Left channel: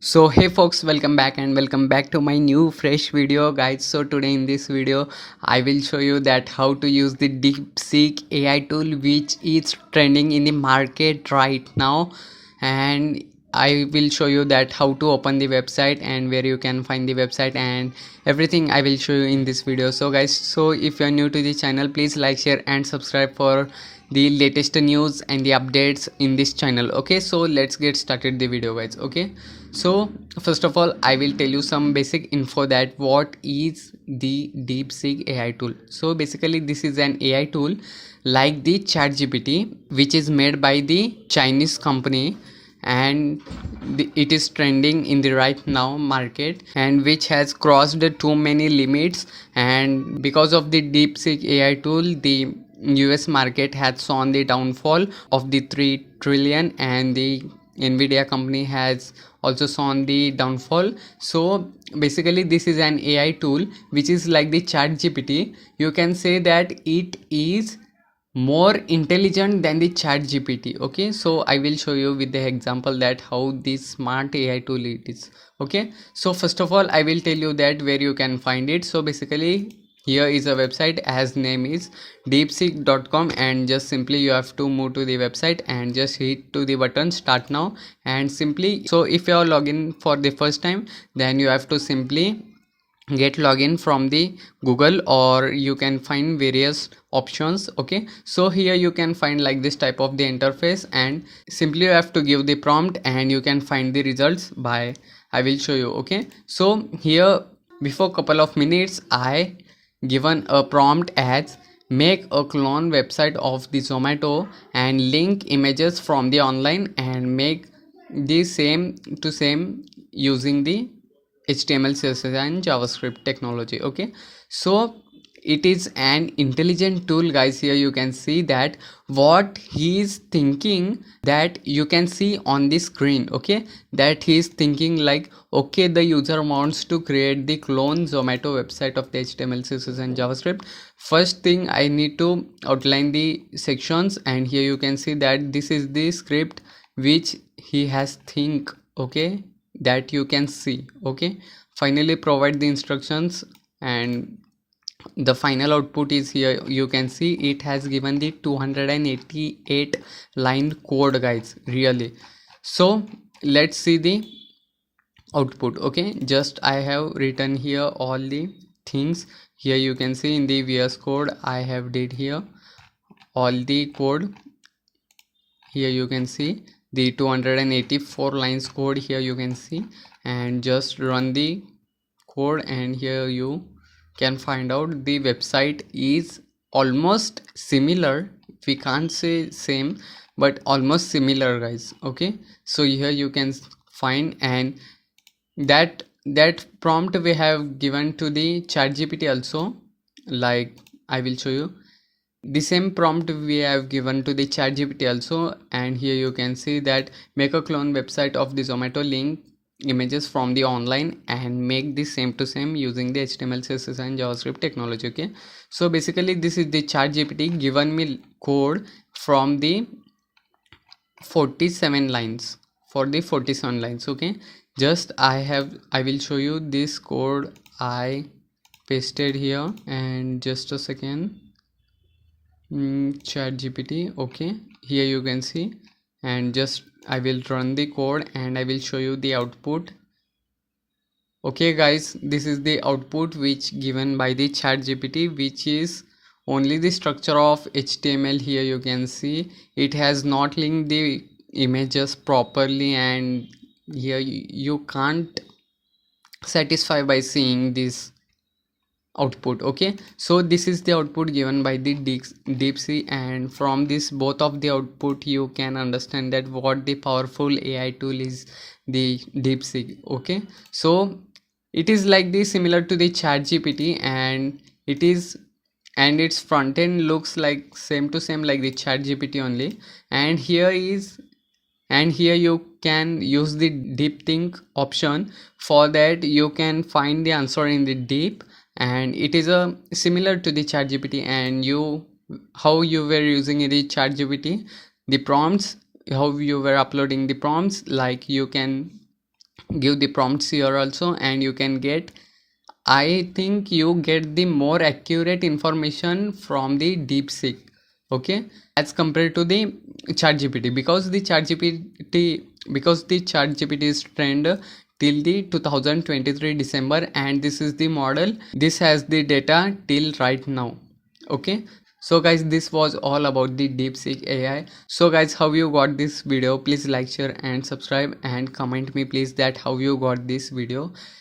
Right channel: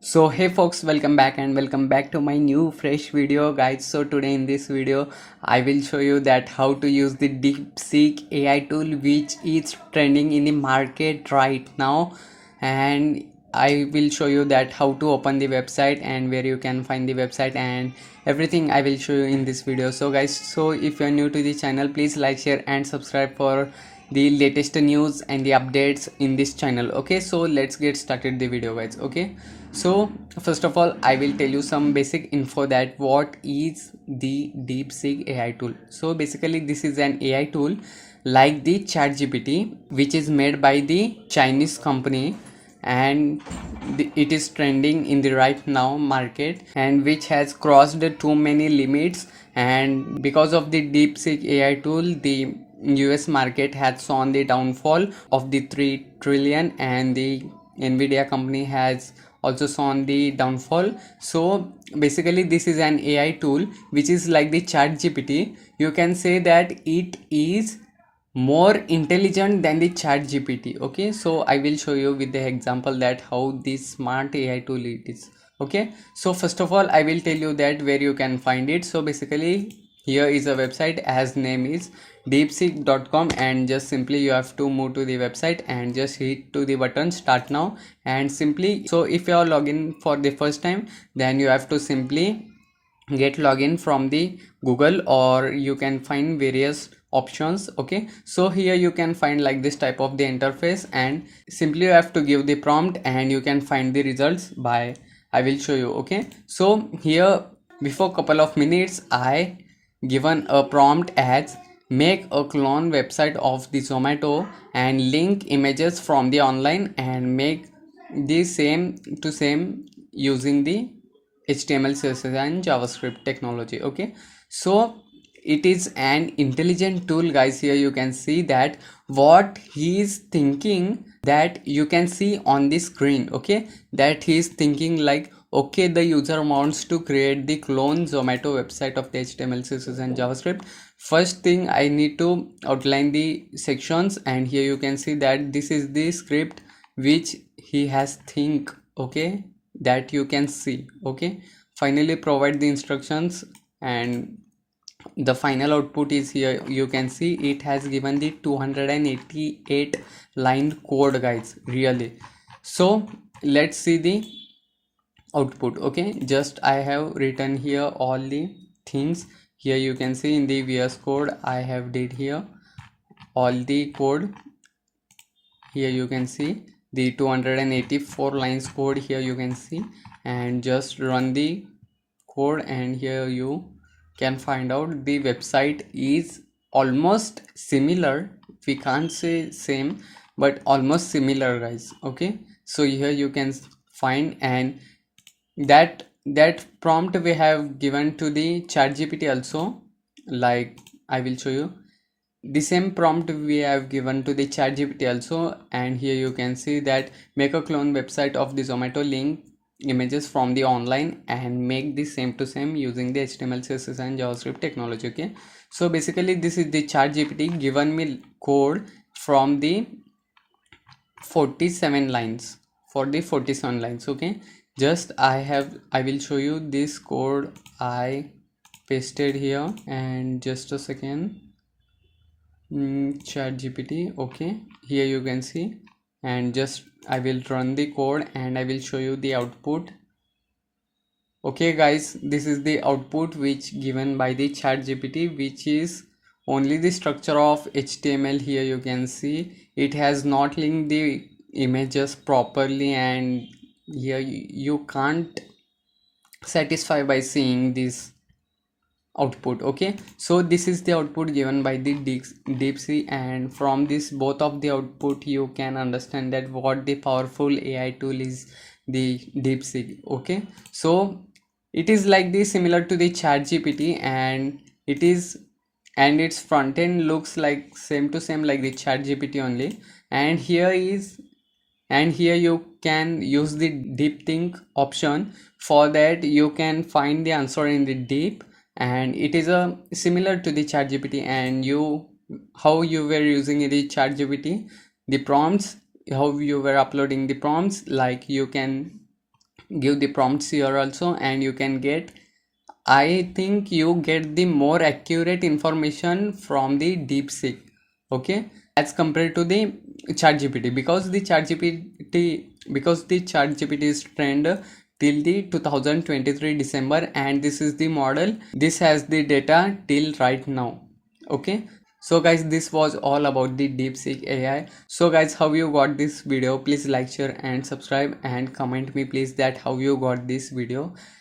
So hey folks, welcome back to my new fresh video guys. So today in this video I will show you that how to use the DeepSeek AI tool which is trending in the market right now, and I will show you that how to open the website and where you can find the website and everything I will show you in this video. So guys, so if you are new to the channel, please like, share and subscribe for the latest news and the updates in this channel. Okay, so let's get started the video guys. Okay, so first of all I will tell you some basic info that what is the DeepSeek AI tool. So basically this is an AI tool like the ChatGPT which is made by the Chinese company, and it is trending in the right now market and which has crossed too many limits. And because of the DeepSeek AI tool, the US market has shown the downfall of the 3 trillion, and the Nvidia company has also shown the downfall. So basically this is an AI tool which is like the ChatGPT. You can say that it is more intelligent than the ChatGPT. Okay, so I will show you with the example that how this smart AI tool it is. Okay, so first of all I will tell you that where you can find it. So basically here is a website as name is deepseek.com, and just simply you have to move to the website and just hit to the button start now. And simply, so if you are login for the first time, then you have to simply get login from the Google, or you can find various options. Okay, so here you can find like this type of the interface, and simply you have to give the prompt and you can find the results by I will show you. Okay, so here before couple of minutes I given a prompt as make a clone website of the Zomato and link images from the online and make the same to same using the HTML, CSS and JavaScript technology. Okay, so it is an intelligent tool guys. Here you can see that what he is thinking, that you can see on the screen. Okay, that he is thinking like, okay, the user wants to create the clone Zomato website of the HTML, CSS and JavaScript. First thing I need to outline the sections, and here you can see that this is the script which he has think. Okay, that you can see. Okay, finally provide the instructions, and the final output is here. You can see it has given the 288 line code guys, really. So let's see the output. Okay, just I have written here all the things. Here you can see in the VS code I have did here all the code. Here you can see the 284 lines code. Here you can see, and just run the code, and here you can find out the website is almost similar. We can't say same, but almost similar guys. Okay, so here you can find, and that prompt we have given to the ChatGPT also. Like I will show you the same prompt we have given to the ChatGPT also, and here you can see that make a clone website of the Zomato, link images from the online and make the same to same using the HTML, CSS and JavaScript technology. Okay, so basically this is the ChatGPT given me code from the 47 lines, for the 47 lines. Okay, just I will show you this code I pasted here, and just a second. ChatGPT. Okay, here you can see, and just I will run the code and I will show you the output. Okay guys, this is the output which given by the ChatGPT, which is only the structure of HTML. Here you can see it has not linked the images properly, and here you can't satisfy by seeing this output. Okay, so this is the output given by the DeepSeek, and from this both of the output you can understand that what the powerful AI tool is the DeepSeek. Okay, so it is like this similar to the ChatGPT, and it is, and its front end looks like same to same like the ChatGPT only. And here is, and here you can use the deep think option. For that you can find the answer in the deep, and it is a similar to the ChatGPT. And you, how you were using the ChatGPT, the prompts, how you were uploading the prompts, like you can give the prompts here also, and you can get, I think you get the more accurate information from the DeepSeek, okay, as compared to the ChatGPT, because the ChatGPT is trend till the 2023 December, and this is the model. This has the data till right now, okay. So guys, this was all about the DeepSeek AI. So guys, how you got this video? Please like, share and subscribe, and comment me please that how you got this video.